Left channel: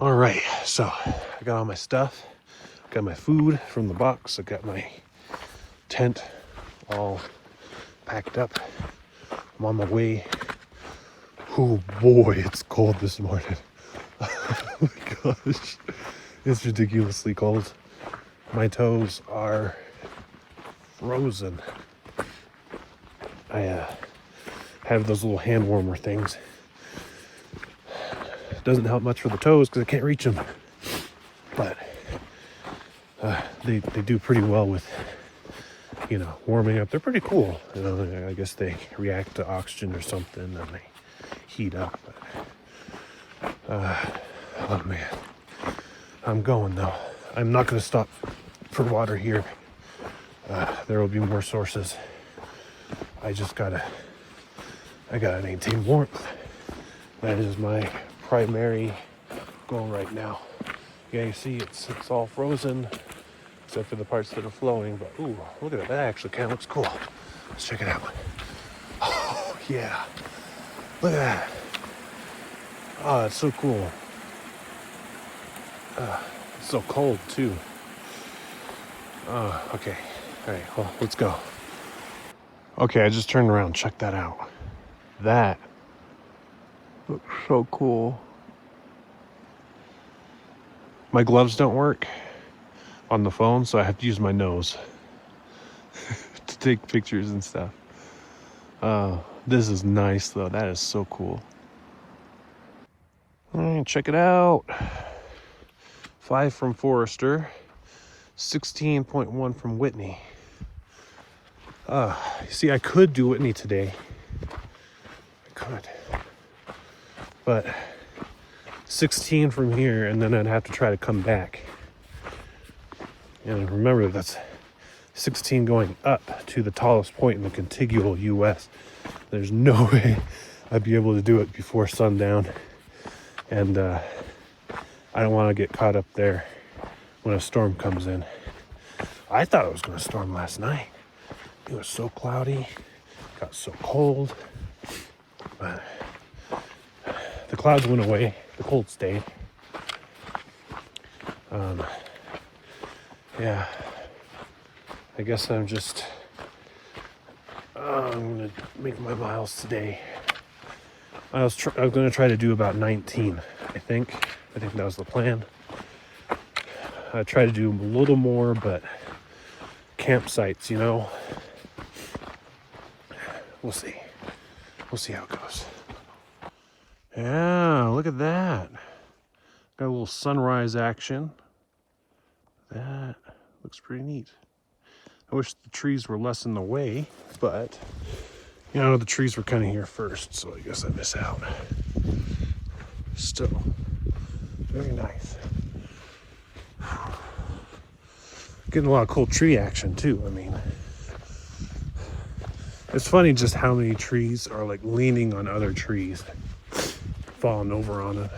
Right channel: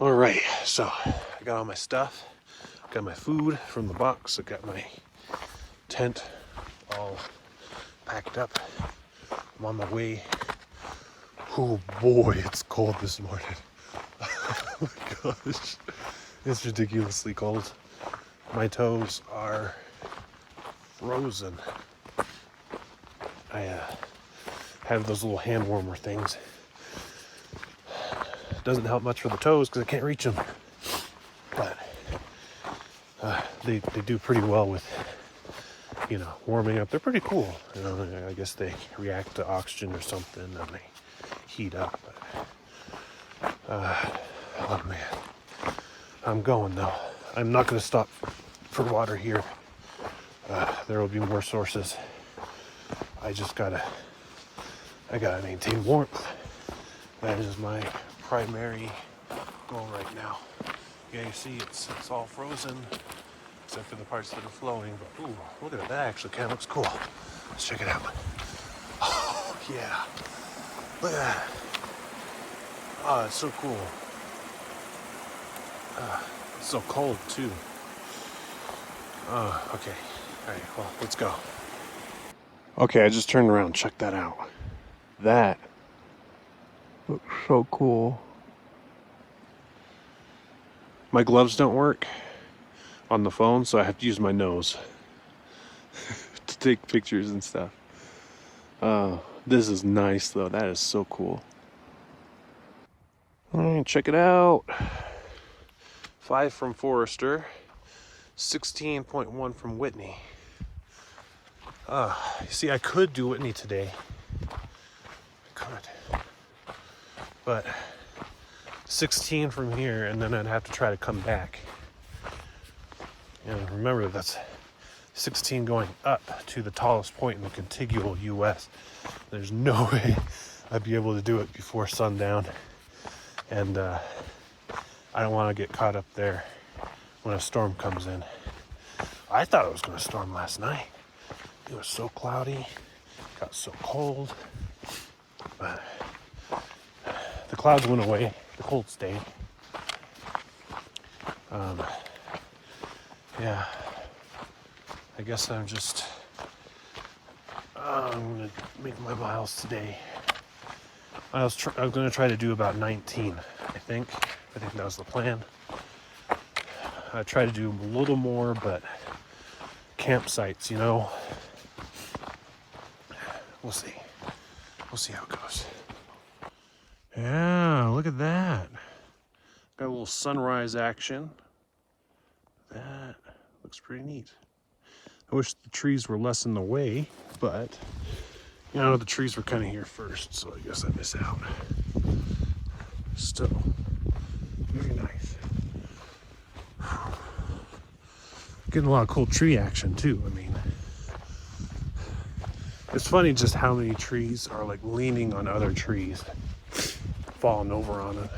All right, so I got all my stuff, got my food from the box, I got my tent all packed up. I'm on my way. Oh boy, it's cold this morning. Oh my gosh, it's ridiculously cold. My toes are frozen. I have those little hand warmer things. Doesn't help much for the toes because I can't reach them, but they do pretty well with, you know, warming up. They're pretty cool. You know, I guess they react to oxygen or something and they heat up. But, oh man, I'm going though. I'm not going to stop for water here. There will be more sources. I gotta maintain warmth. That is my primary goal right now. Yeah, you see, it's all frozen, except for the parts that are flowing, but ooh, look at that, that actually kind of looks cool. Let's check it out. Oh, yeah, look at that. Oh, it's so cool. It's so cold, too. Okay, all right, well, let's go. Okay, I just turned around, check that out. That looks so cool. My gloves don't work on the phone, so I have to use my nose to take pictures and stuff. This is nice though, that is so cool. All right, check it out. 5 from Forrester, 16.1 from Whitney. You see, I could do Whitney today. I could. But 16 from here, and then I'd have to try to come back. And remember, that's 16 going up to the tallest point in the contiguous U.S. There's no way I'd be able to do it before sundown. And I don't want to get caught up there when a storm comes in. I thought it was going to storm last night. It was so cloudy, got so cold, but the clouds went away, the cold stayed. Yeah, I guess I'm gonna make my miles today. I was gonna try to do about 19, I think that was the plan. I try to do a little more, but campsites, you know, we'll see how it goes. Yeah, look at that. Got a little sunrise action. That looks pretty neat. I wish the trees were less in the way, but you know, the trees were kind of here first, so I guess I miss out. Still, very nice. Getting a lot of cool tree action too. I mean, it's funny just how many trees are like leaning on other trees, falling over on it.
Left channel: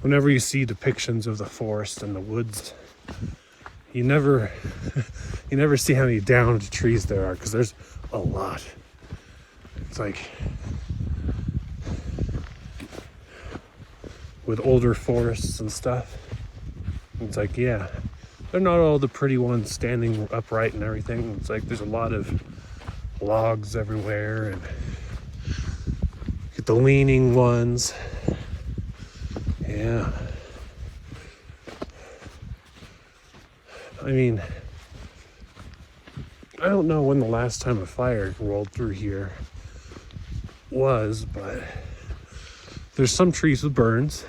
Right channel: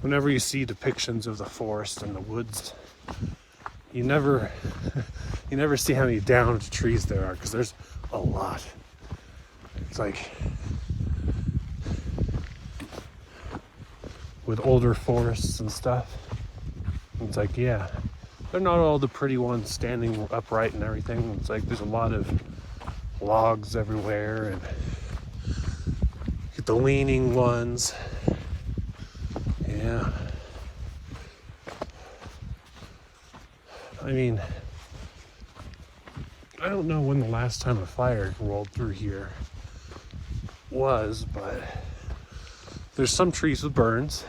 Whenever you see depictions of the forest and the woods, you never see how many downed trees there are, because there's a lot. It's like with older forests and stuff, it's like, yeah, they're not all the pretty ones standing upright and everything. It's like there's a lot of logs everywhere, and get the leaning ones. Yeah. I mean, I don't know when the last time a fire rolled through here was, but there's some trees with burns,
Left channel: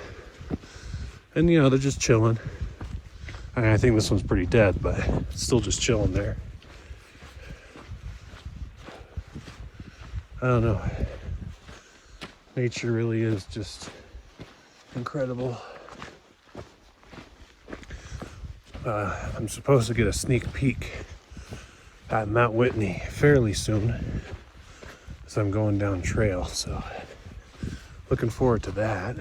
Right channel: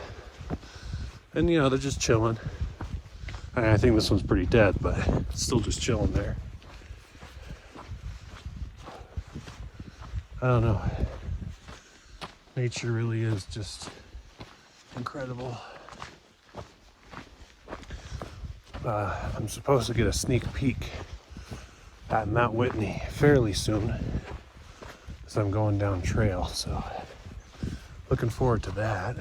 and you know, they're just chilling. I think this one's pretty dead, but it's still just chilling there. I don't know. Nature really is just incredible. I'm supposed to get a sneak peek at Mount Whitney fairly soon, as I'm going down trail, so looking forward to that.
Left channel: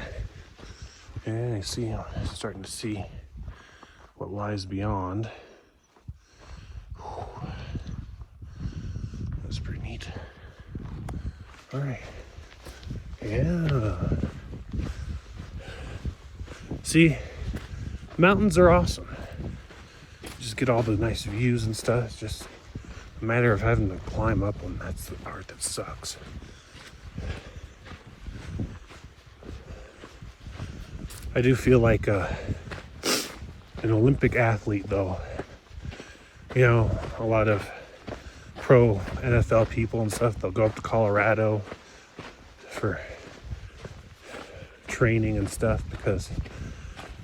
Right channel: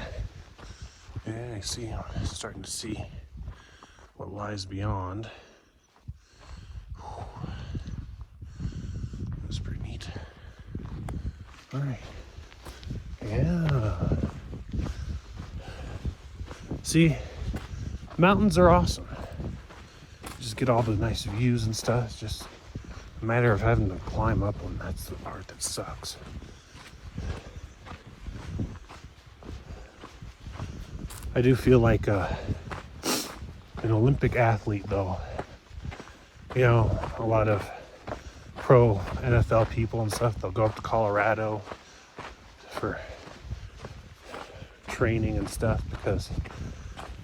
And you see, I'm starting to see what lies beyond. That's pretty neat. All right. Yeah. See, mountains are awesome. Just get all the nice views and stuff. It's just a matter of having to climb up them. That's the part that sucks. I do feel like an Olympic athlete, though. You know, a lot of pro NFL people and stuff, they'll go up to Colorado for training and stuff because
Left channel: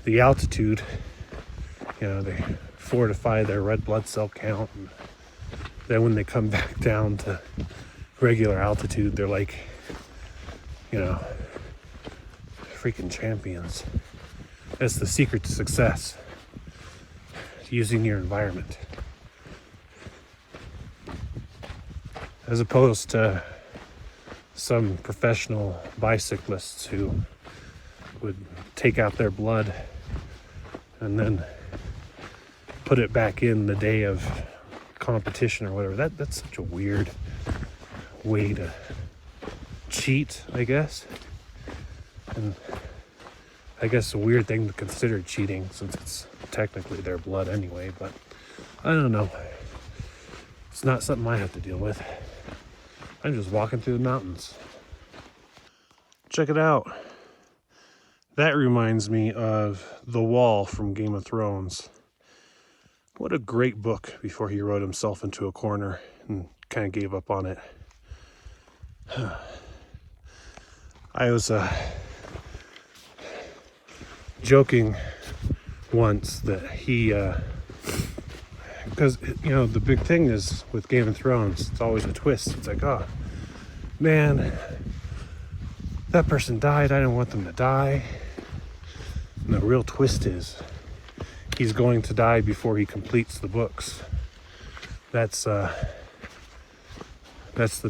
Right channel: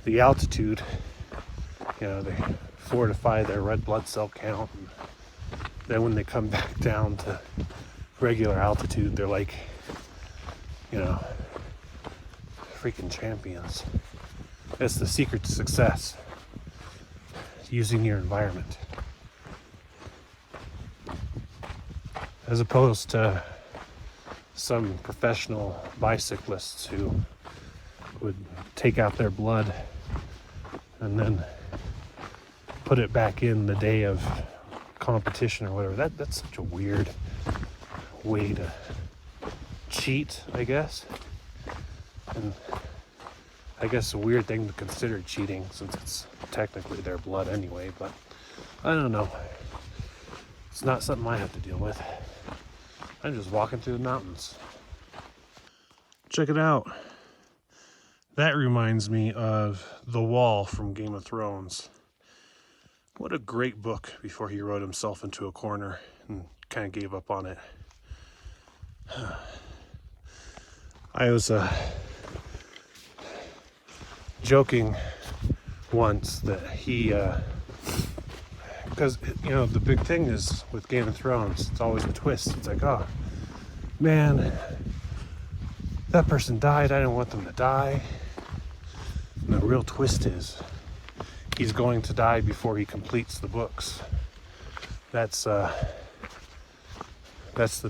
the altitude, you know, they fortify their red blood cell count. And then when they come back down to regular altitude, they're like, you know, freaking champions. That's the secret to success, using your environment. As opposed to some professional bicyclists who would take out their blood and then put it back in the day of competition or whatever. That's such a weird way to cheat, I guess. And I guess a weird thing to consider cheating since it's technically their blood anyway, but I don't know. It's not something I have to deal with. I'm just walking through the mountains. Check it out. That reminds me of The Wall from Game of Thrones. What a great book before he wrote himself into a corner and kind of gave up on it. I was joking once that he, because, you know, the big thing is with Game of Thrones, it's always a twist. It's like, oh, man, that person died. I didn't want them to die. And the real twist is he's going to die before he completes the books. That's the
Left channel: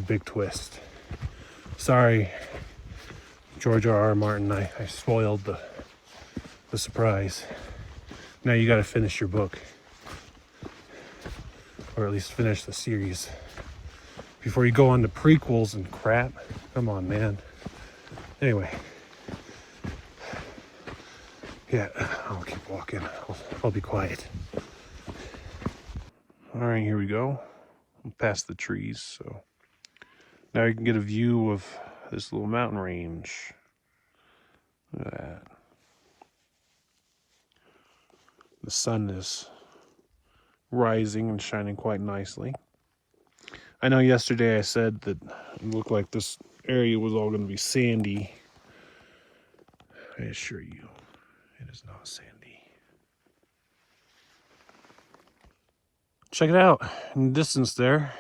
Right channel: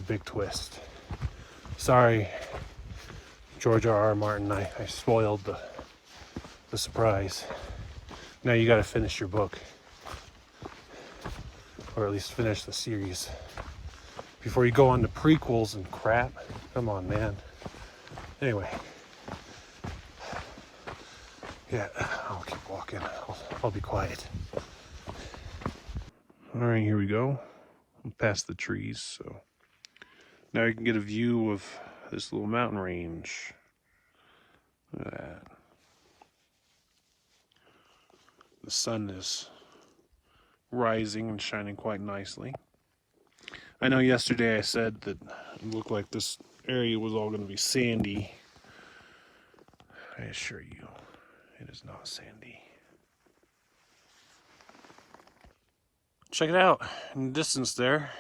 big twist. Sorry, George R.R. Martin, I spoiled the surprise. Now you gotta finish your book. Or at least finish the series. Before you go on to prequels and crap. Come on, man. Anyway. Yeah, I'll keep walking. I'll be quiet. Alright, here we go. I'm past the trees, so now you can get a view of this little mountain range. Look at that. The sun is rising and shining quite nicely. I know yesterday I said that it looked like this area was all going to be sandy. I assure you, it is not sandy. Check it out. In the distance there,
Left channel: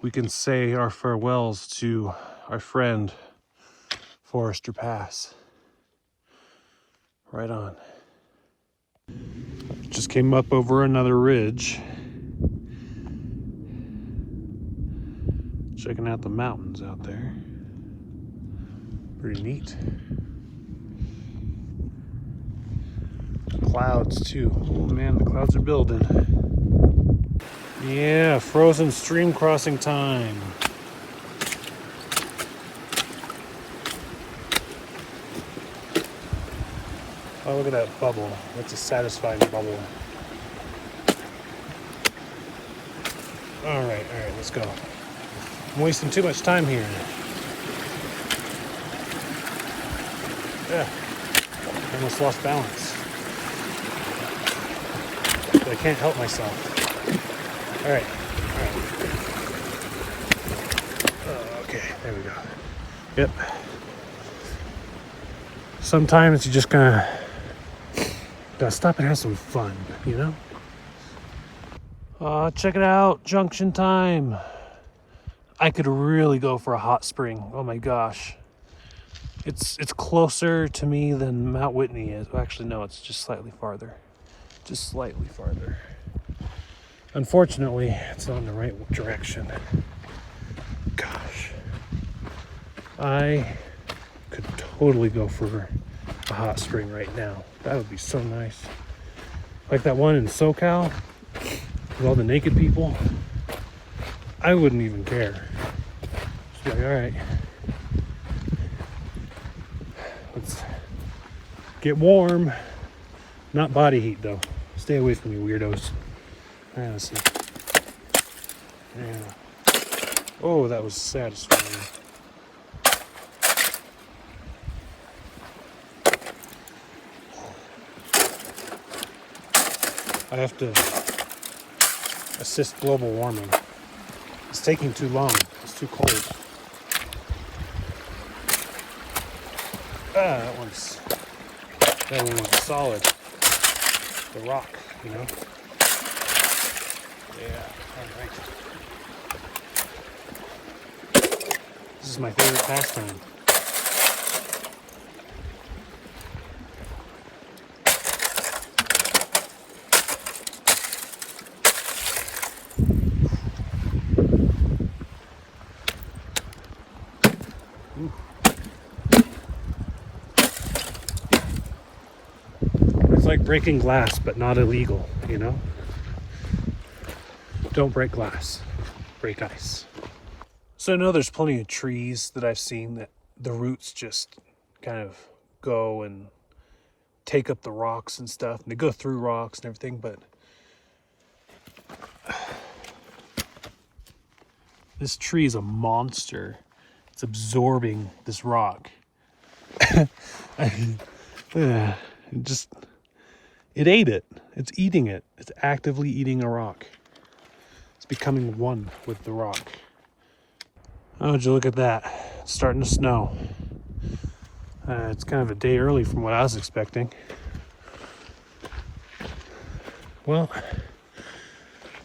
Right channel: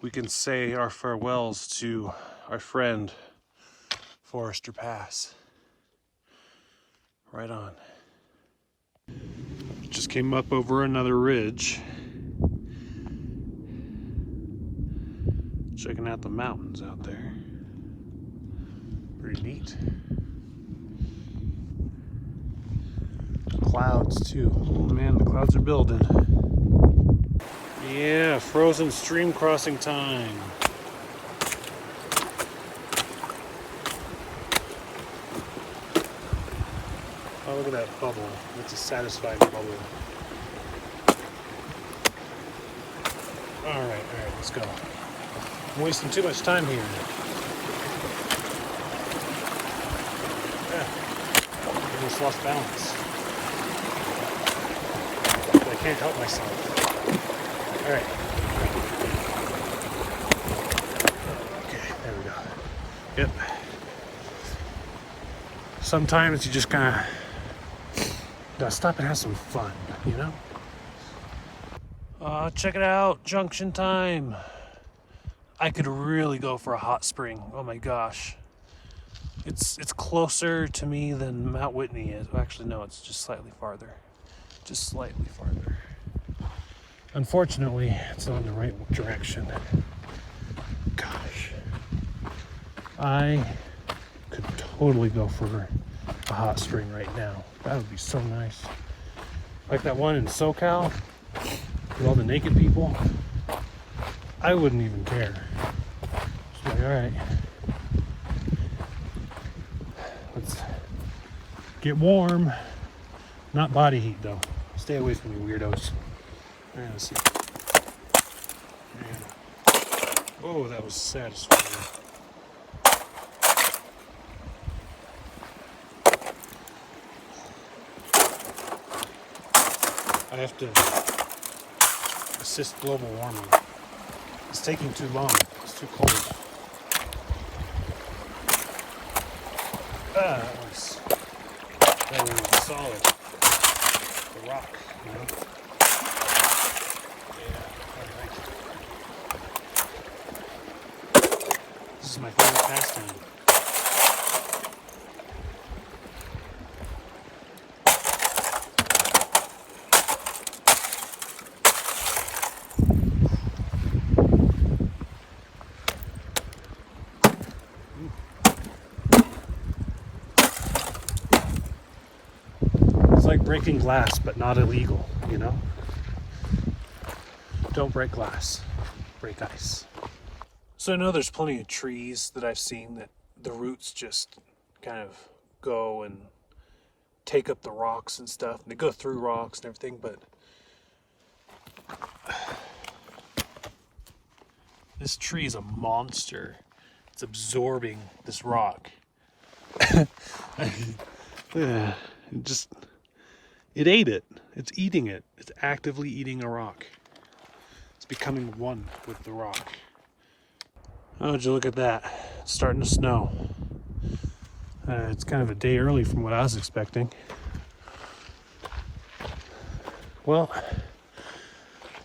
we can say our farewells to our friend Forester Pass. Right on. Just came up over another ridge. Checking out the mountains out there. Pretty neat. Clouds too. Oh man, the clouds are building. Yeah, frozen stream crossing time. Oh, look at that bubble. That's a satisfying bubble. All right, let's go. I'm wasting too much time here. Yeah, I almost lost balance. But I can't help myself. All right. Oh, okay, there we go. Yep. Sometimes you just gotta stop and have some fun, you know? Check it out, junction time. I could really go for a hot spring. Oh my gosh. It's closer to me than Mount Whitney is. Actually, no, it's just slightly farther. Just slightly farther. Unfortunately, it's not in the right direction. Gosh. I could totally go for a hot spring right now. That would be so nice. Like that one in SoCal with all the naked people. I wouldn't even care. It's like, all right, Get warm. Not body heat though. Stay away from me, weirdos. All right, let's see. Yeah. Oh, that was satisfying. I have to assist global warming. It's taking too long. It's too cold. That one's solid. The rock, you know. Yeah, all right. This is my favorite pastime. It's like breaking glass, but not illegal, you know? Don't break glass, break ice. So I know there's plenty of trees that I've seen that the roots just kind of go and take up the rocks and stuff, and they go through rocks and everything, but this tree is a monster. It's absorbing this rock. Yeah, it ate it. It's eating it. It's actively eating a rock. It's becoming one with the rock. Oh, would you look at that? It's starting to snow. It's kind of a day early from what I was expecting. Well,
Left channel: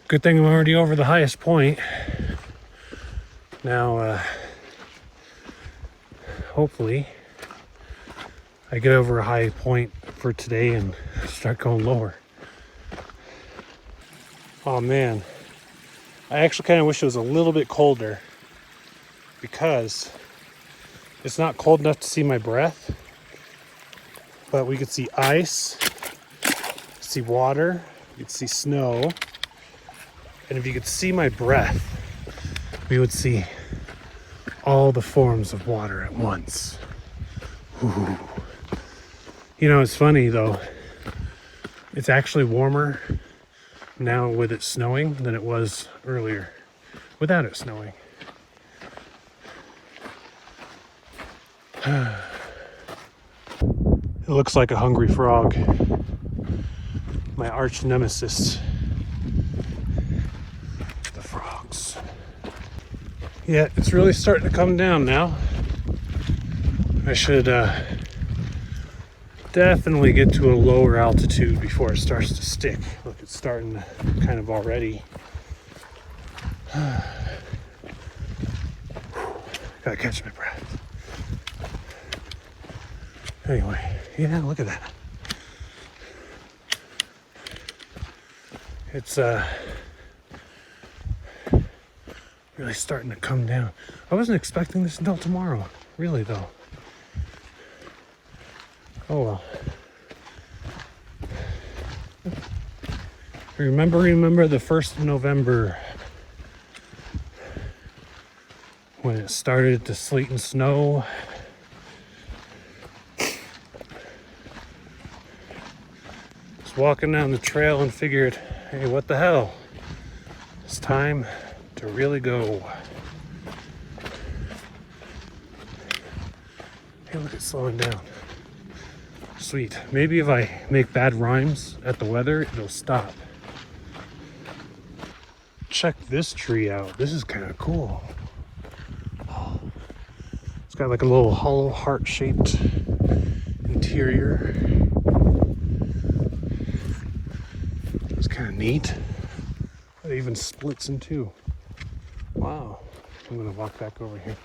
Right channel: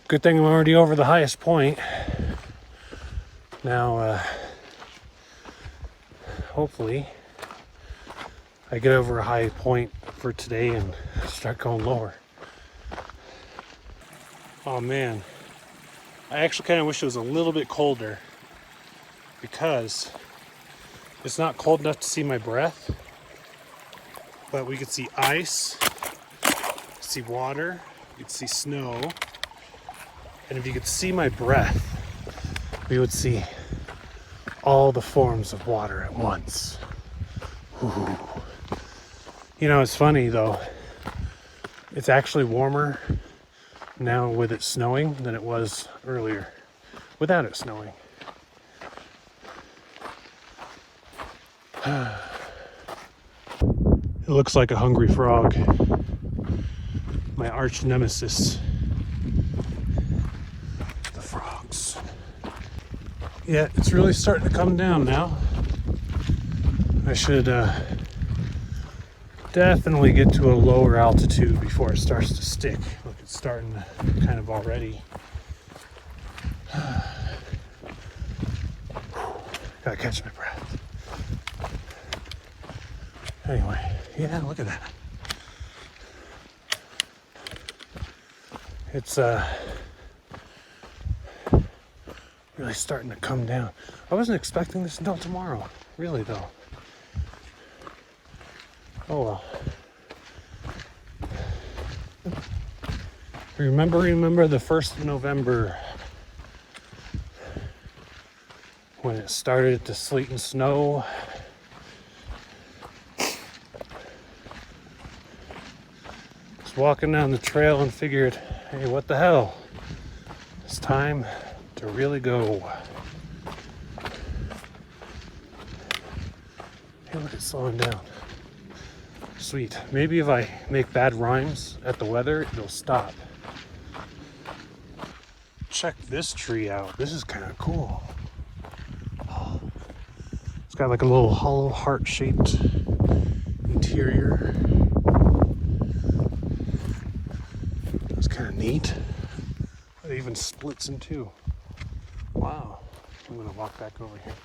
good thing I'm already over the highest point. Now, hopefully, I get over a high point for today and start going lower. Oh man, I actually kind of wish it was a little bit colder because it's not cold enough to see my breath, but we could see ice, see water, you could see snow, and if you could see my breath, we would see all the forms of water at once. Ooh. You know, it's funny though, it's actually warmer now with it snowing than it was earlier without it snowing. It looks like a hungry frog. My arch nemesis. The frogs. Yeah, it's really starting to come down now. I should definitely get to a lower altitude before it starts to stick. Look, it's starting to kind of already. Gotta catch my breath. Anyway, yeah, look at that. It's really starting to come down. I wasn't expecting this until tomorrow, really though. Oh well. Remember the 1st of November when it started to sleet and snow. Just walking down the trail and figured, hey, what the hell? It's time to really go. Hey, look, it's slowing down. Sweet. Maybe if I make bad rhymes at the weather, it'll stop. Check this tree out. This is kind of cool. It's got like a little hollow heart-shaped interior. It's kind of neat. It even splits in two. Wow. I'm gonna walk back over here.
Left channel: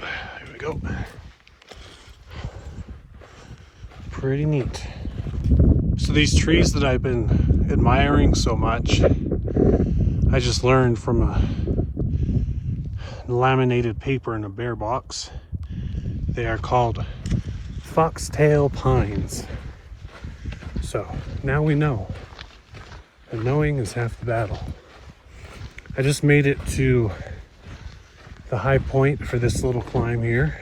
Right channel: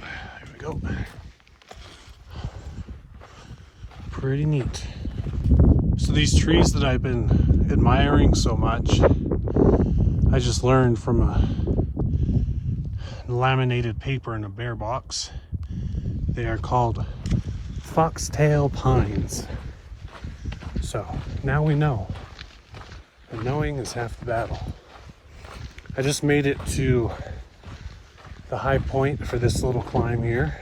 There we go. Pretty neat. So these trees that I've been admiring so much, I just learned from a laminated paper in a bear box. They are called foxtail pines. So now we know. And knowing is half the battle. I just made it to the high point for this little climb here.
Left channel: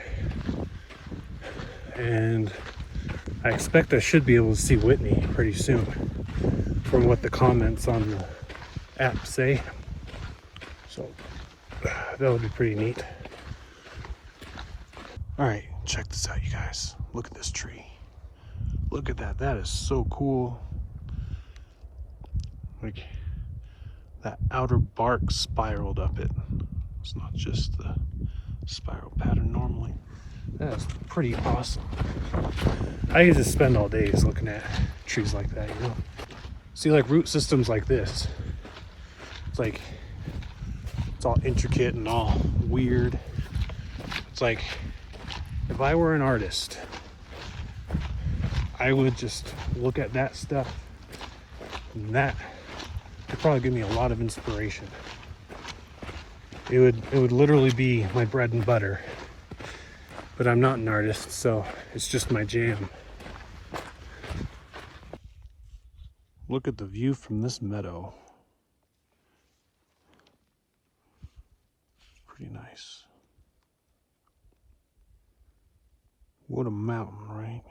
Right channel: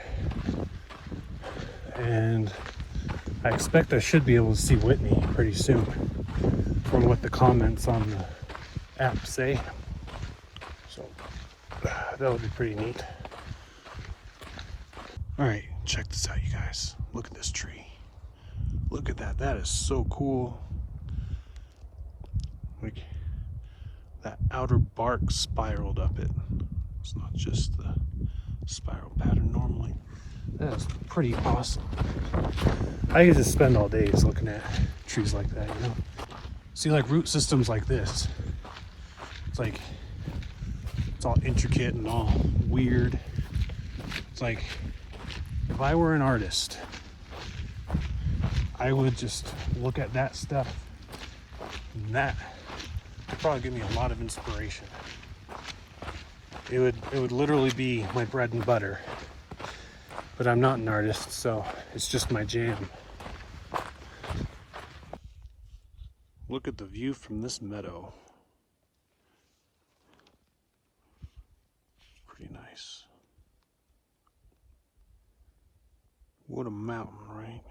And I expect I should be able to see Whitney pretty soon from what the comments on the app say. So that would be pretty neat. All right, check this out, you guys. Look at this tree. Look at that. That is so cool. Like that outer bark spiraled up it. It's not just the spiral pattern normally. That is pretty awesome. I could just spend all days looking at trees like that, you know? See, like root systems like this. It's like, it's all intricate and all weird. It's like, if I were an artist, I would just look at that stuff, and that would probably give me a lot of inspiration. It would literally be my bread and butter. But I'm not an artist, so it's just my jam. Look at the view from this meadow. Pretty nice. What a mountain, right?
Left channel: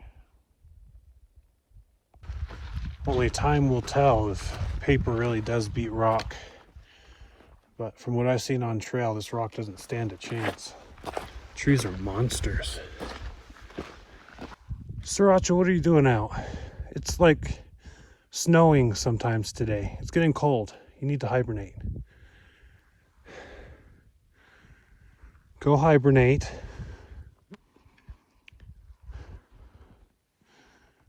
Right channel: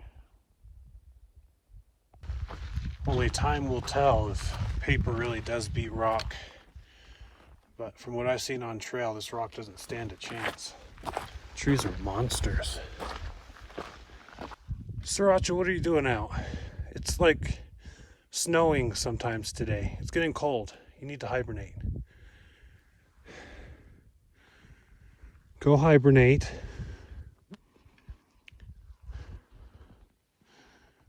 Only time will tell if paper really does beat rock. But from what I've seen on trail, this rock doesn't stand a chance. Trees are monsters. Sriracha, what are you doing out? It's like snowing sometimes today. It's getting cold. You need to hibernate. Go hibernate.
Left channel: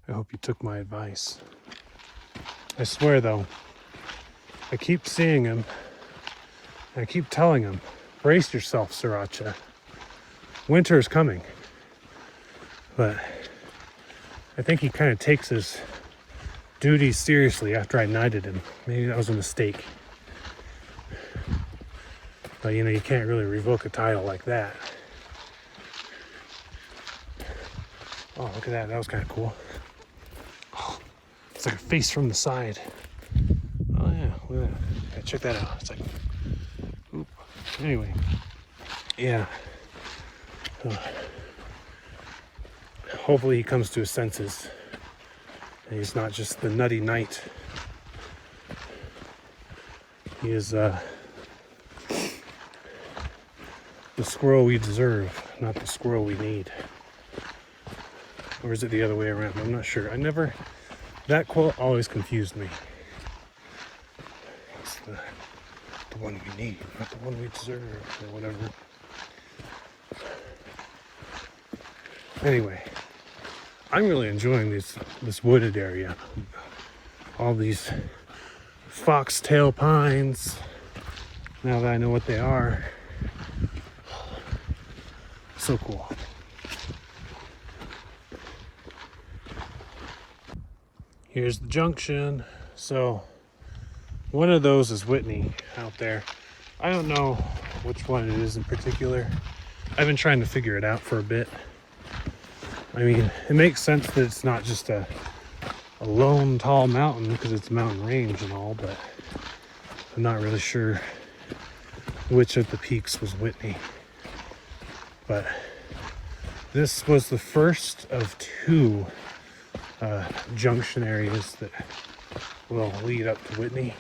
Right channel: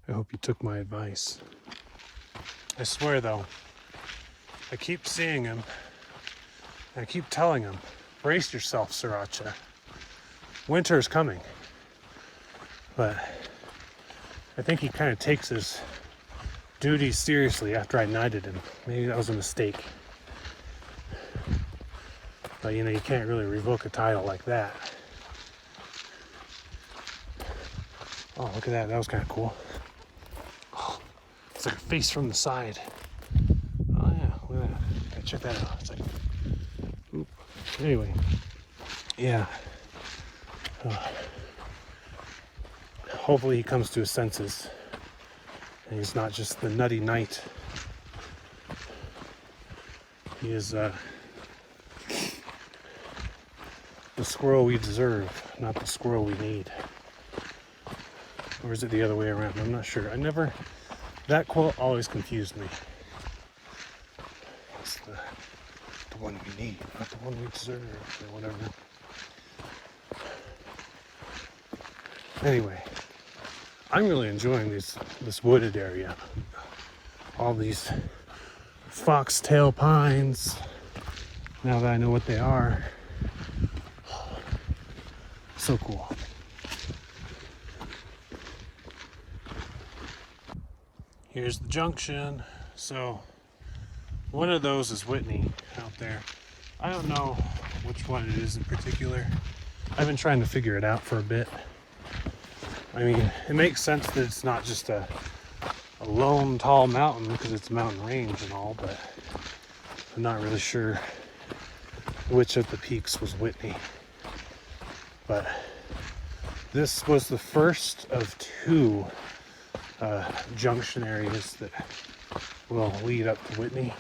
I hope you took my advice. I swear though, I keep seeing him. I keep telling him, brace yourself, Sriracha. Winter is coming. But I think he kind of takes his duties seriously after I knighted him. Maybe that was a mistake. But you know, you can't really revoke a title like that. Oh, look at that. That was kind of cool. Oh, it's like a face from the side. Oh yeah, look at that. Check that out. It's like, oop. Anyway, yeah. Hopefully he comes to his senses and he's not just the nutty knight. He is the squirrel we deserve, not the squirrel we need. Or is it the other way around? I'm not sure. That quote always confused me. It's the one we need, not the one we deserve, or whatever. Anyway, I'm really enjoying this wooded area. All these foxtail pines, now that I know what they are. So cool. Here's the junction. So one of those is Whitney out there. I don't know which one it is in particular. I've been trying to figure it out for a bit. I mean, it makes sense that it's not just a lone tall mountain because it's a mountain range and all, but I'm not really sure which of the peaks was Whitney. But this was the first of two junction areas that will lead up to Whitney.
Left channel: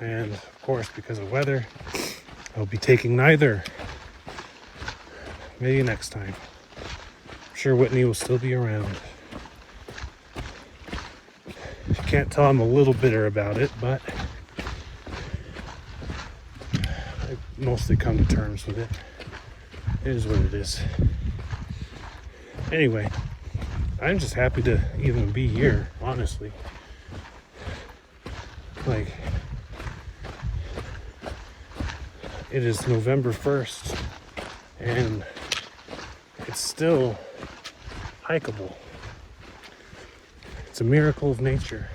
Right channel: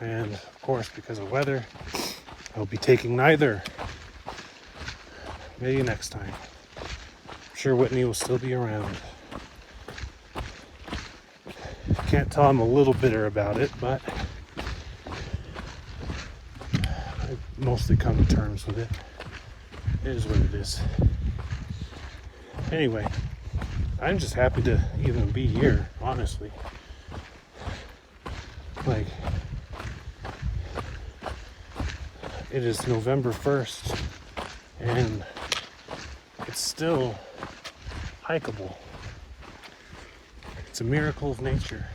And of course, because of weather, I'll be taking neither. Maybe next time. I'm sure Whitney will still be around. I can't tell I'm a little bitter about it, but I've mostly come to terms with it. It is what it is. Anyway, I'm just happy to even be here, honestly. Like, it is November 1st, and it's still hikeable. It's a miracle of nature.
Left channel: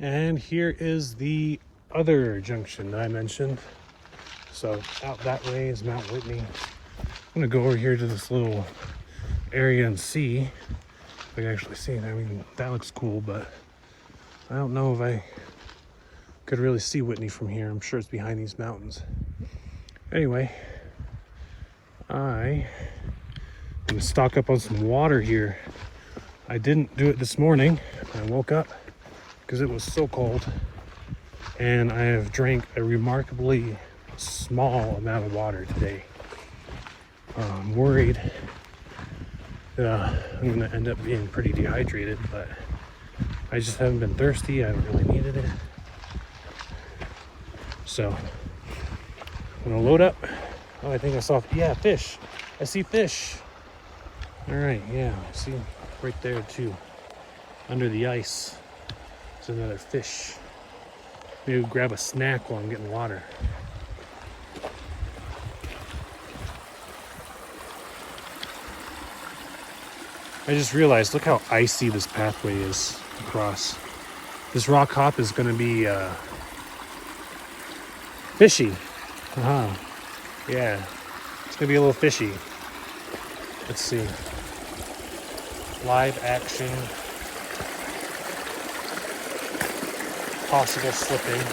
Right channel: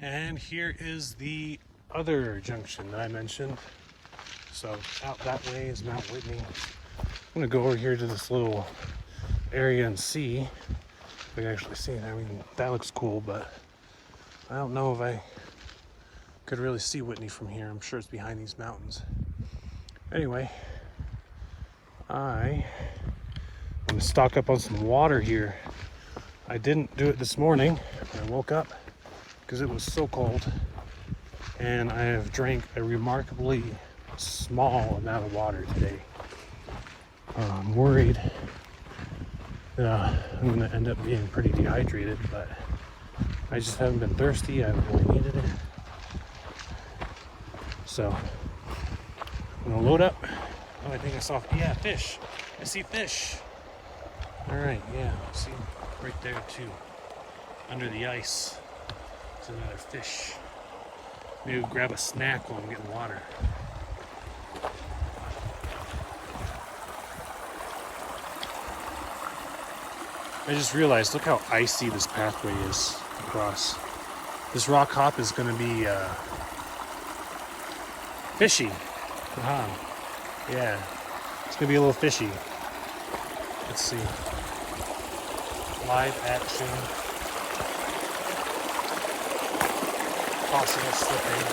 And here is the other junction that I mentioned. So out that way is Mount Whitney. I'm gonna go over here to this little area and see if I can actually see it. I mean, that looks cool, but I don't know if I Could really see Whitney from here. I'm sure it's behind these mountains. Anyway, I'm gonna stock up on some water here. I didn't do it this morning. I woke up because it was so cold, and I have drank a remarkably small amount of water today. I'm worried that I'm gonna end up being pretty dehydrated, but I just haven't been thirsty. I haven't really needed it. So I'm gonna load up. Oh, I think I saw, yeah, fish. I see fish. All right, yeah, see right there too. Under the ice, there's another fish. Maybe we'll grab a snack while I'm getting water. I just realized, look how icy this pathway is across. This rock hop is gonna be fishy. Yeah, it's gonna be a little fishy. Let's see. Live action. Possible slipping.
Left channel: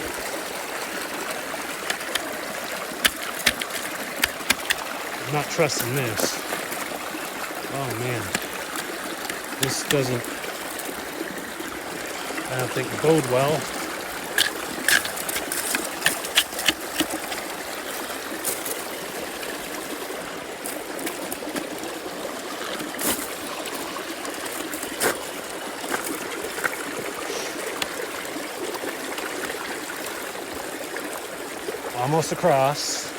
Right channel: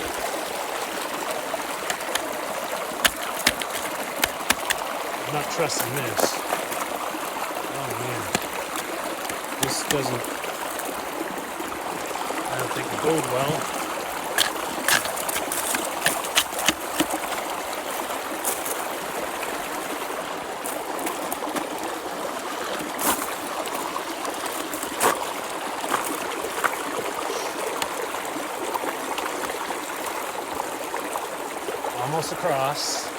I'm not trusting this. Oh man. This doesn't, I don't think, bode well. Almost across.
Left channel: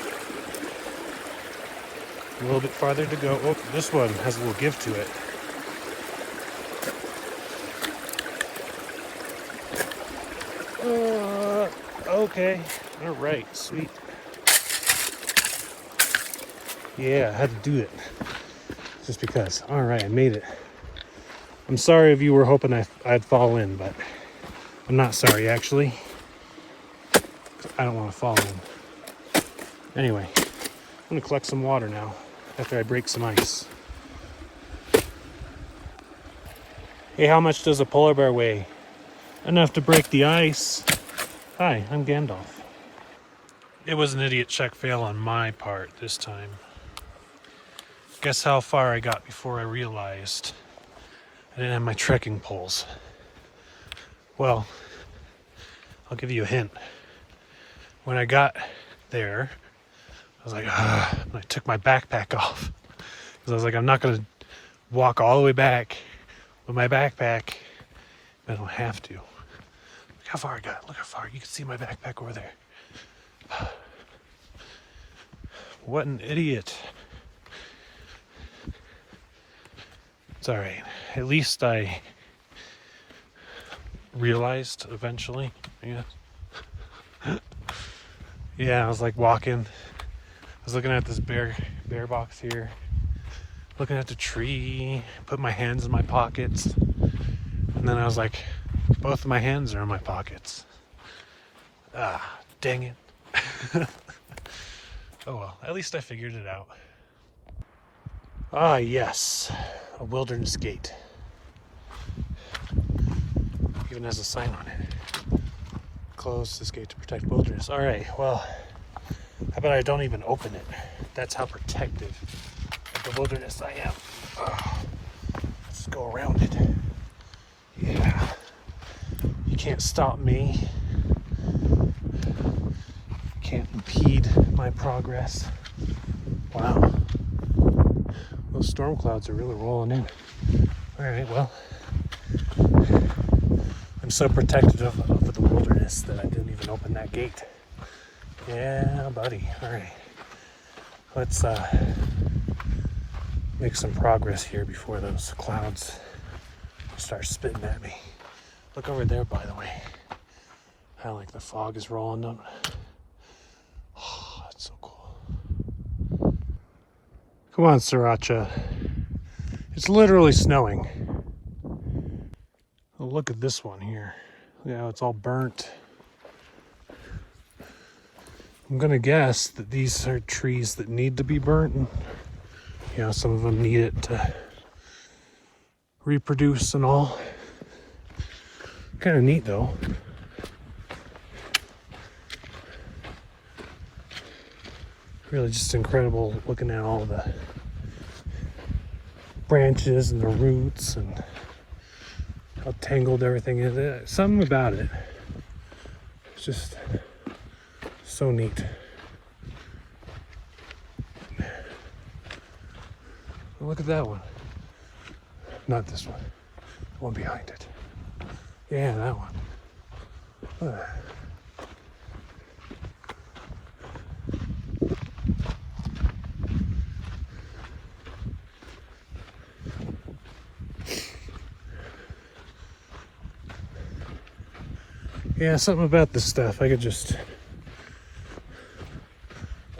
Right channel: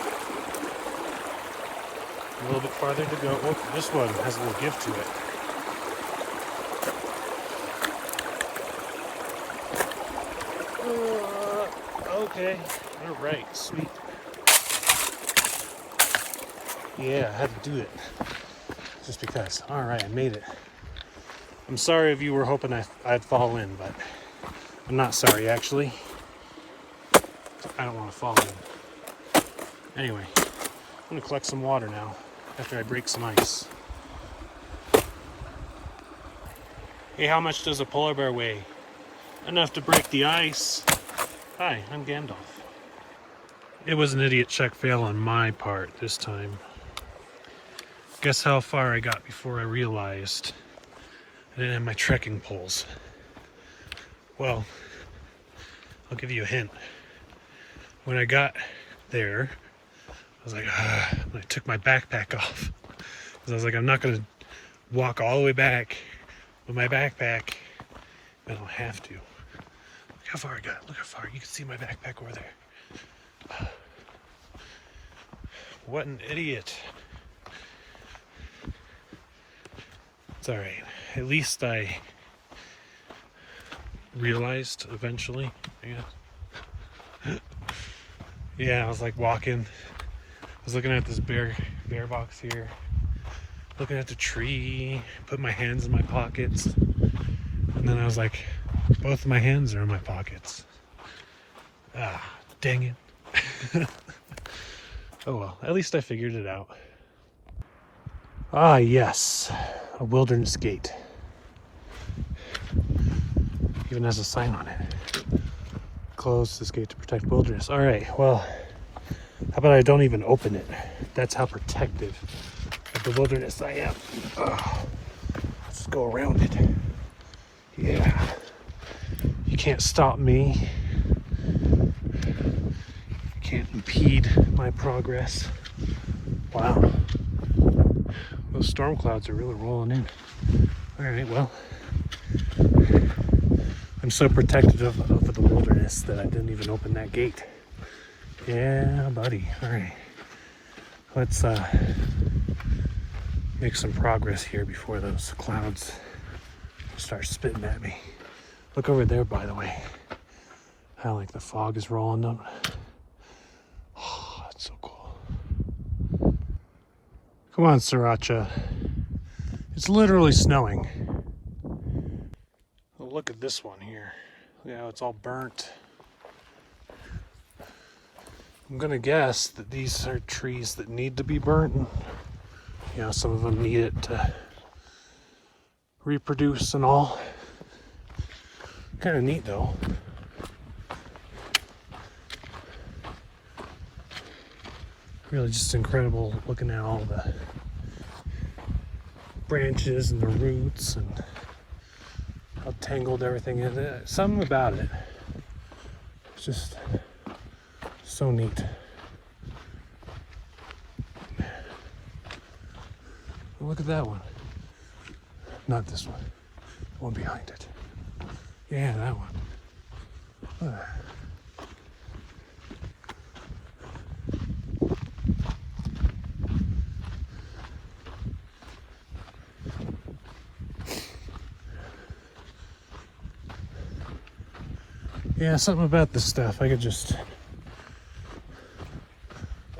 A little bit farther to go. Oh, this one has a little give to it. Okay. All right. Sweet. Yeah, I had to do it. Just because. All right, I made it. I'm sorry if you were hoping I'd fall in, but I'm not sorry, actually. I don't want to fall in. Anyway, I'm going to collect some water now after I break some ice. Hey, how much does a polar bear weigh? Enough to break the ice. Hi, I'm Gandalf. It was an idiot check fail on my part this time. Guess how far I got before I realized I didn't have my trekking poles. Well, I'll give you a hint. When I got there, I was like, I took my backpack off. Because I was like, I'm not going to walk all the way back with my backpack. I don't have to. Look how far I got. Look how far. You can see my backpack over there. What an idiot. It's all right. At least I realized eventually. Yeah, I was like walking. I was looking at this bear box here. Looking at the tree. Put my hands in my pockets. And then I was like, both of my hands are in my pockets. Ah, dang it. Oh well, at least I figured it out. Ah, yes. A wilderness gate. Even has a sign on it. Close this gate to protect wilderness. All right, well, how about I don't even open it? That's how protective of the wilderness I am. Let's go around it. Yeah. You can't stop me. Can't impede my progress. Wow. Those storm clouds are really rolling in. All right, well, I'm so protective of the wilderness that I didn't even open that gate. Yeah, buddy. All right. Let's make some progress here before those clouds start spitting at me. Look over there, by the way. How like the fog is rolling up. Oh, that's so cool. Come on, Sriracha. It's literally snowing. Oh, look at this one here. Yeah, it's all burnt. I'm gonna guess that these are trees that need to be burnt. Yeah, some of them need it to reproduce and all. Kind of neat though. Really just incredible looking at all the branches and the roots and how tangled everything is. Something about it. It's just so neat. Look at that one. Not this one. The one behind it. Yeah, that one. Look at that. Yeah, something about this stuff. I could just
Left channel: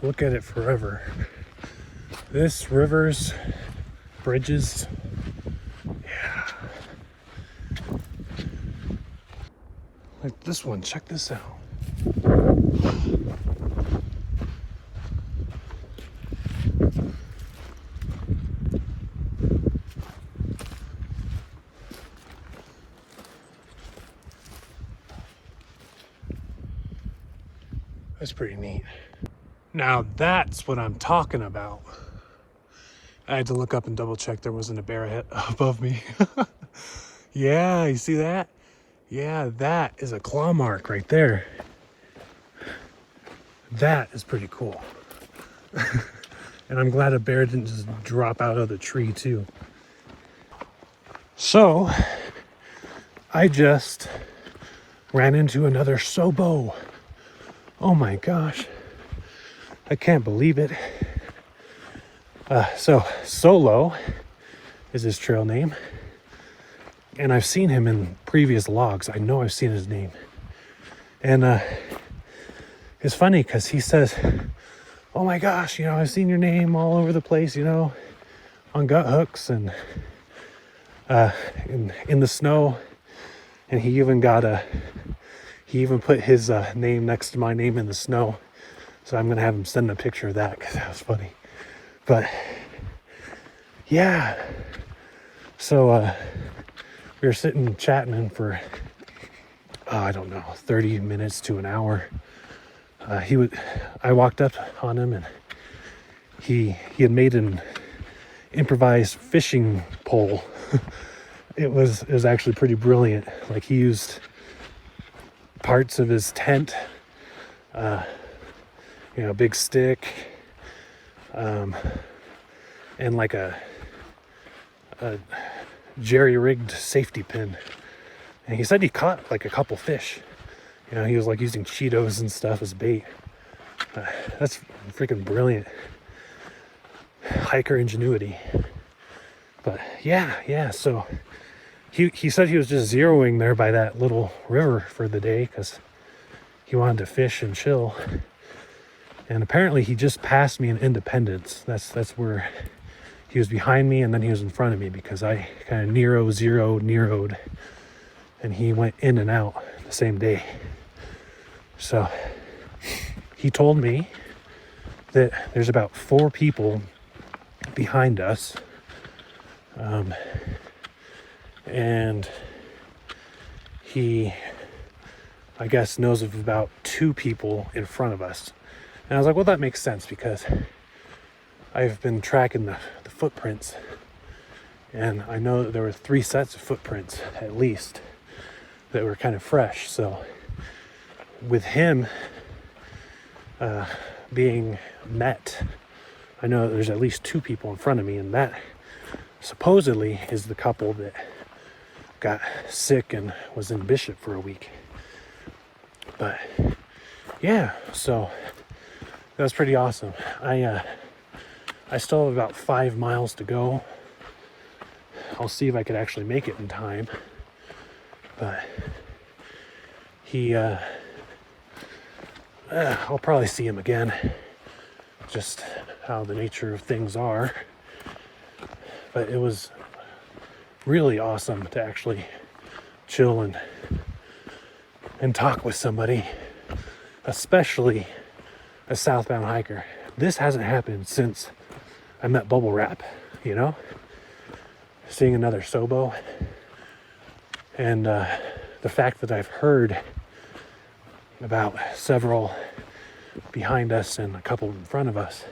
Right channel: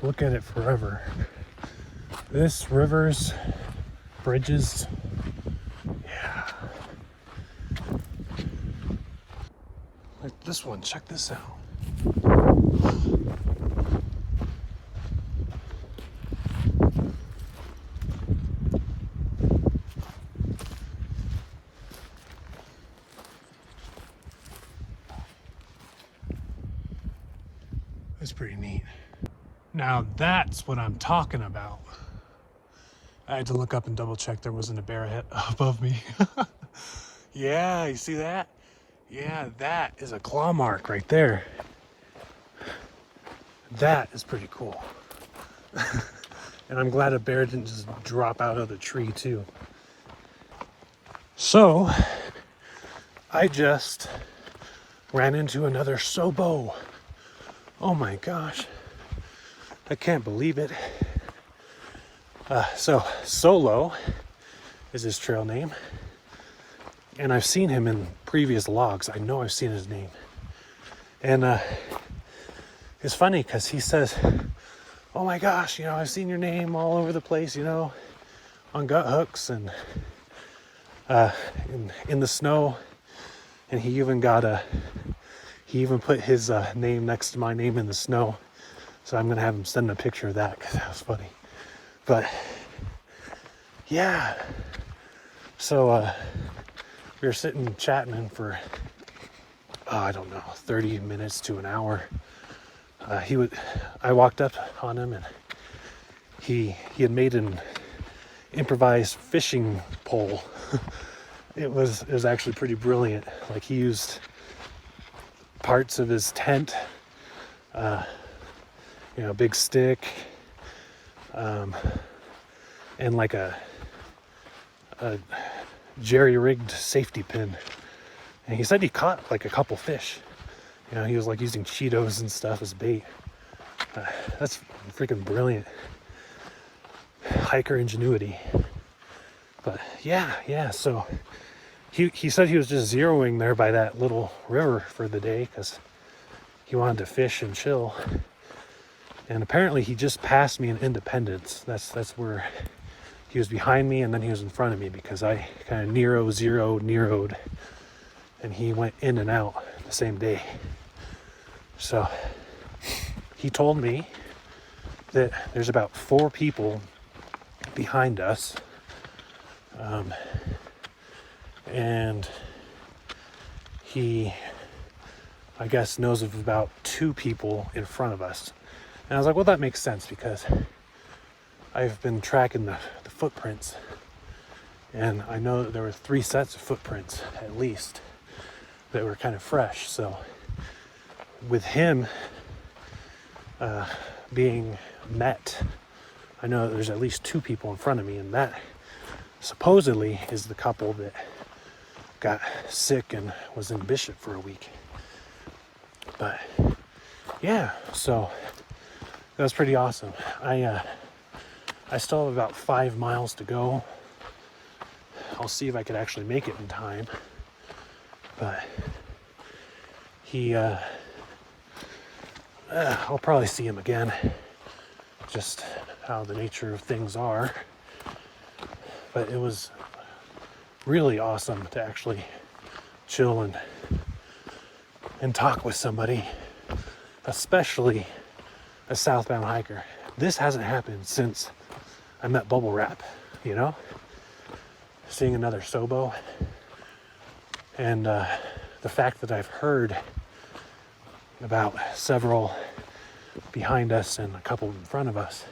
look at it forever. This, rivers, bridges. Yeah. Like this one, check this out. That's pretty neat. Now that's what I'm talking about. I had to look up and double check there wasn't a bear above me. Yeah, you see that? Yeah, that is a claw mark right there. That is pretty cool. And I'm glad a bear didn't just drop out of the tree too. So, I just ran into another sobo. Oh my gosh. I can't believe it. So Solo is his trail name. And I've seen him in previous logs. I know I've seen his name. And it's funny because he says, oh my gosh, you know, I've seen your name all over the place, you know, on gut hooks and in the snow. And he even put his name next to my name in the snow. So I'm gonna have him send a picture of that because that was funny. But yeah, so we were sitting chatting for I don't know, 30 minutes to an hour. I walked up on him and he had made an improvised fishing pole. It was actually pretty brilliant. Like he used parts of his tent, you know, a big stick, and like a jerry-rigged safety pin. And he said he caught like a couple fish. You know, he was like using Cheetos and stuff as bait. That's freaking brilliant. Hiker ingenuity. But yeah, so he said he was just zeroing there by that little river for the day because he wanted to fish and chill. And apparently he just passed me in Independence. That's where he was behind me and then he was in front of me because I kind of Nero'd, and he went in and out the same day. So he told me that there's about 4 people behind us. And he, I guess, knows of about 2 people in front of us. And I was like, well, that makes sense because I've been tracking the footprints and I know that there were 3 sets of footprints at least that were kind of fresh. So with him being met, I know that there's at least 2 people in front of me, and that supposedly is the couple that got sick and was in Bishop for a week. But yeah, so that was pretty awesome. I still have about 5 miles to go. I'll see if I could actually make it in time. But I'll probably see him again. Just how the nature of things are. But it was really awesome to actually chill and talk with somebody, especially a southbound hiker. This hasn't happened since I met Bubble Wrap, you know? Seeing another sobo. And the fact that I've heard about several behind us and a couple in front of us.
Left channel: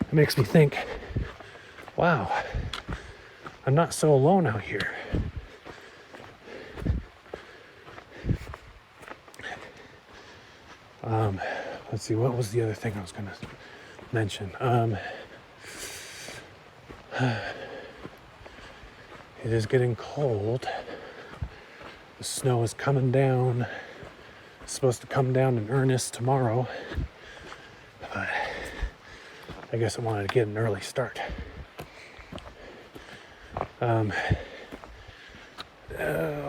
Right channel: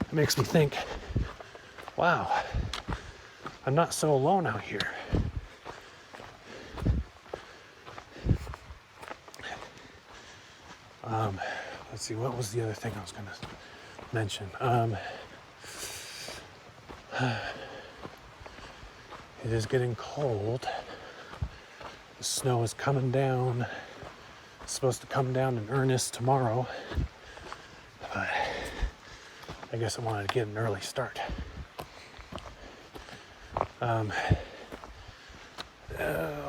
It makes me think, wow, I'm not so alone out here. Let's see, what was the other thing I was gonna mention? It is getting cold. The snow is coming down. It's supposed to come down in earnest tomorrow. But I guess I wanted to get an early start.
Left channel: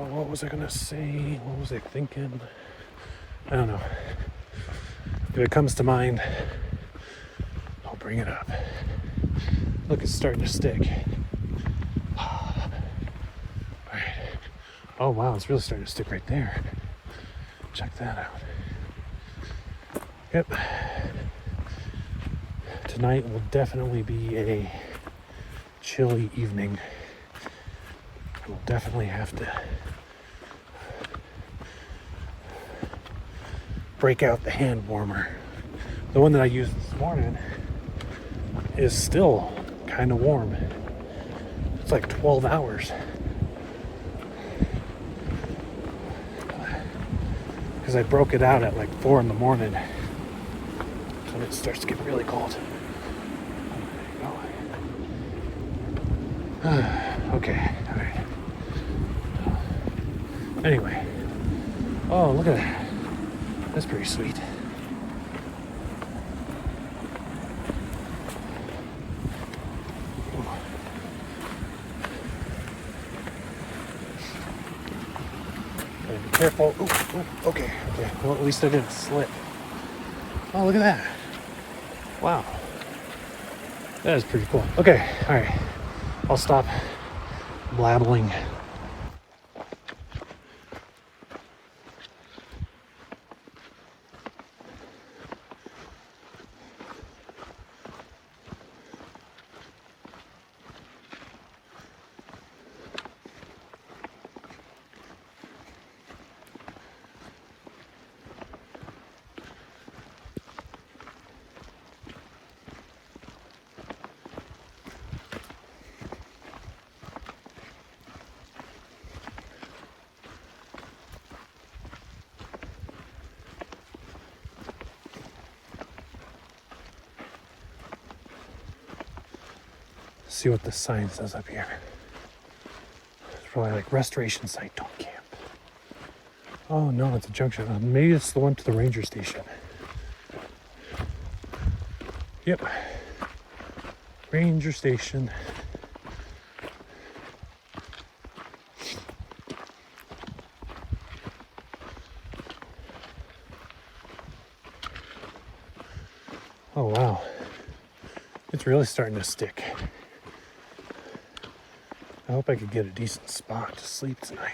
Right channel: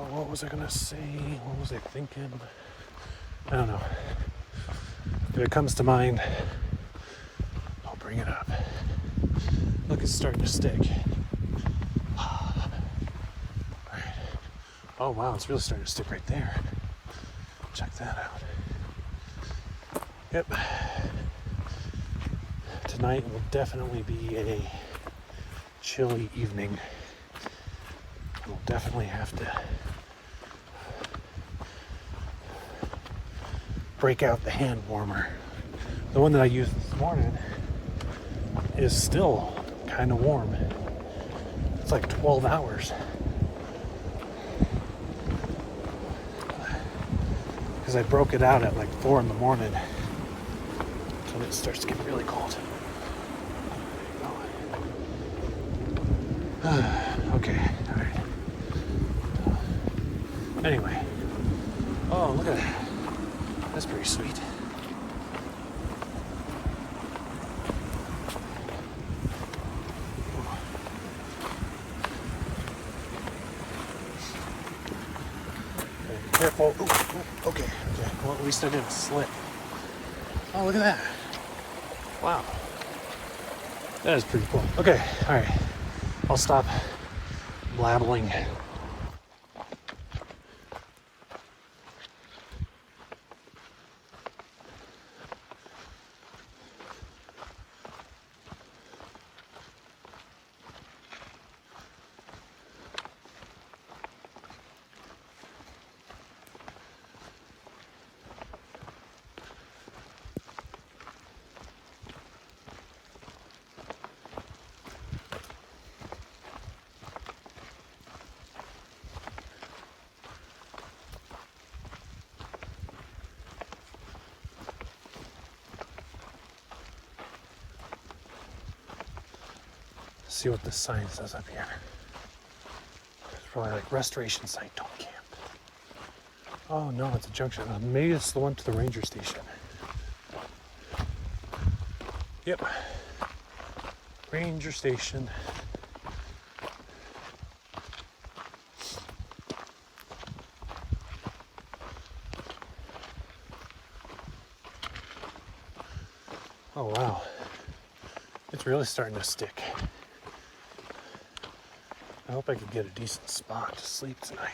What was I gonna say? What was I thinking? I don't know. If it comes to mind, I'll bring it up. Look, it's starting to stick. All right. Oh wow, it's really starting to stick right there. Check that out. Yep. Tonight will definitely be a chilly evening. We'll definitely have to break out the hand warmer. The one that I used this morning is still kind of warm. It's like 12 hours. Because I broke it out at like 4 in the morning. So it starts getting really cold. Okay, all right. Anyway. Oh, look at that. That's pretty sweet. Be careful. Ooh, okay. Well, at least I didn't slip. Oh, look at that. Wow. That is pretty cool. Okay, all right. I'll stop blabbling. See what the sign says up here. It's probably like restoration site, don't camp. Oh no, it's a junction. Maybe it's the one to the ranger station. Yep. Ranger station. Oh wow. It's really starting to stick. I hope I could get a decent spot to sleep tonight.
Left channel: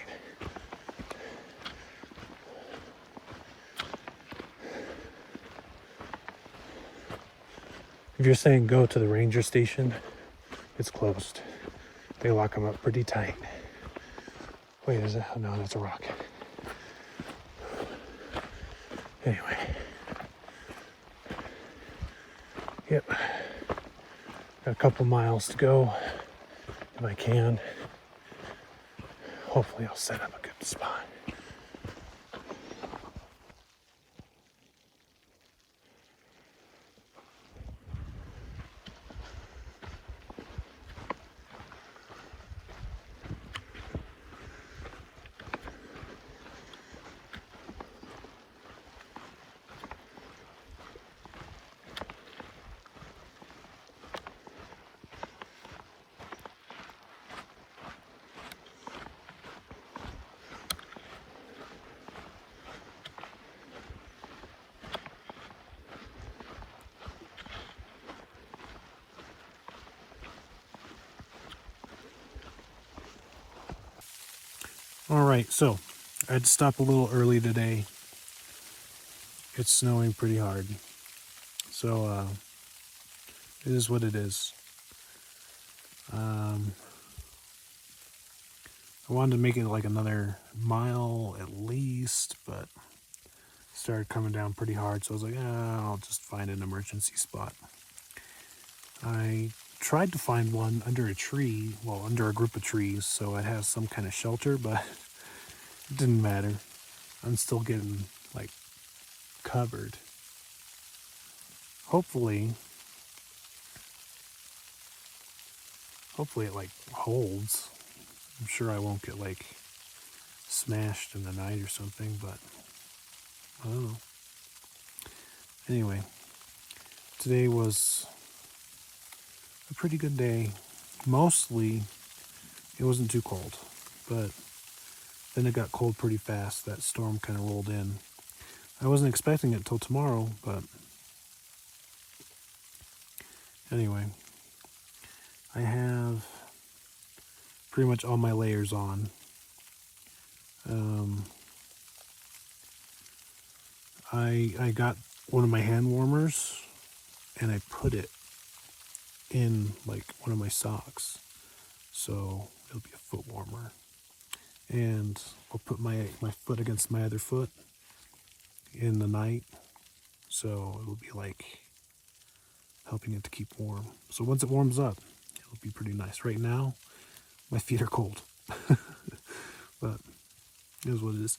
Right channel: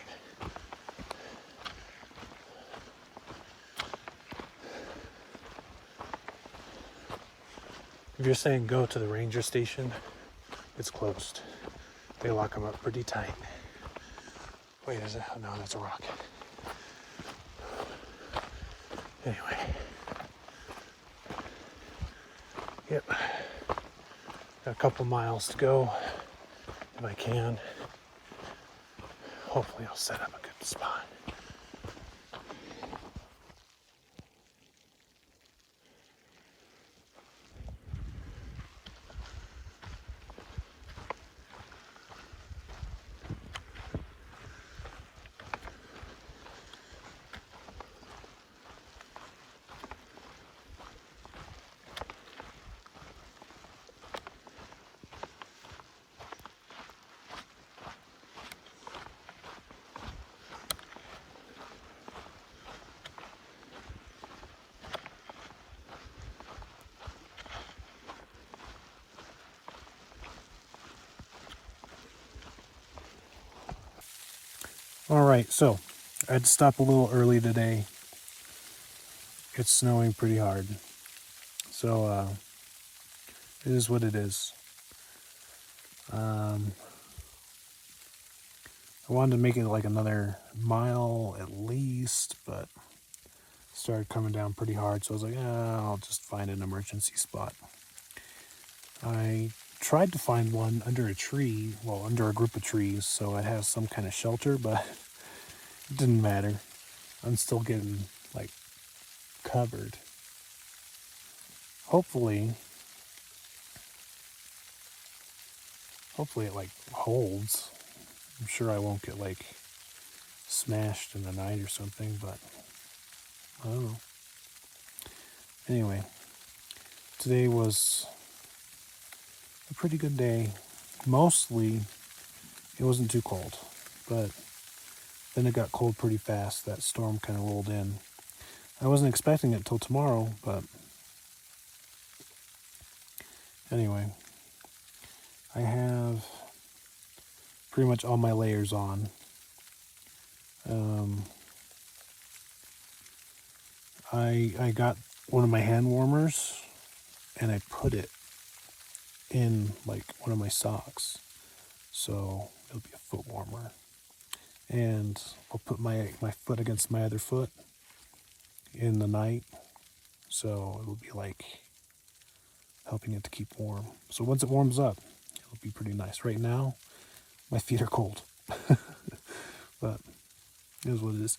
If you're saying go to the ranger station, it's closed. They lock them up pretty tight. Wait, is that? No, that's a rock. Anyway. Yep. Got a couple miles to go. If I can. Hopefully I'll set up a good spot. All right, so I had to stop a little early today. It's snowing pretty hard. So it is what it is. I wanted to make it like another mile at least, but started coming down pretty hard, so I was like, I'll just find an emergency spot. I tried to find one under a tree, well, under a group of trees, so it has some kind of shelter, but it didn't matter. I'm still getting, like, covered. Hopefully it, like, holds. I'm sure I won't get, like, smashed in the night or something, but I don't know. Anyway, today was a pretty good day. Mostly, it wasn't too cold, but then it got cold pretty fast. That storm kind of rolled in. I wasn't expecting it till tomorrow, but anyway, I have pretty much all my layers on. I got one of my hand warmers and I put it in like one of my socks, so it'll be a foot warmer. And I'll put my foot against my other foot in the night, so it'll be like helping it to keep warm. So once it warms up, it'll be pretty nice. Right now, my feet are cold, but it is what it is.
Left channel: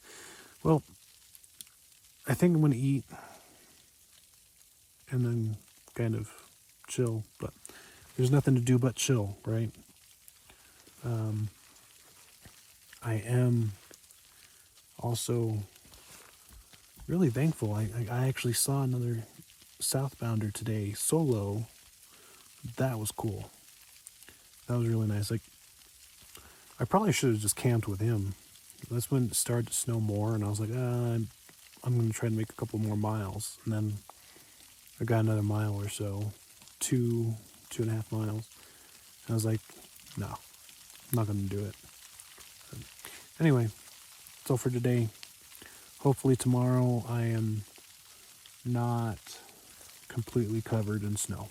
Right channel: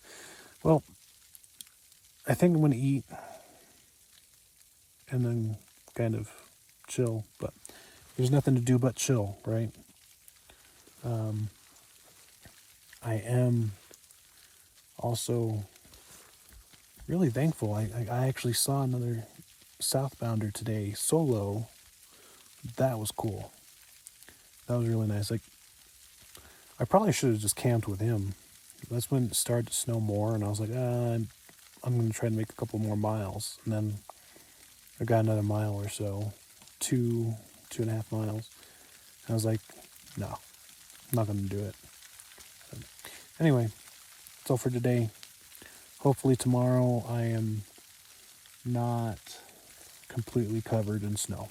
Well, I think I'm going to eat and then kind of chill, but there's nothing to do but chill, right? I am also really thankful. I actually saw another southbounder today, solo. That was cool. That was really nice. Like, I probably should have just camped with him. That's when it started to snow more, and I was like, I'm going to try to make a couple more miles. And then I got another mile or so, 2.5 miles. And I was like, no, I'm not going to do it. Anyway, that's all for today. Hopefully tomorrow I am not completely covered in snow.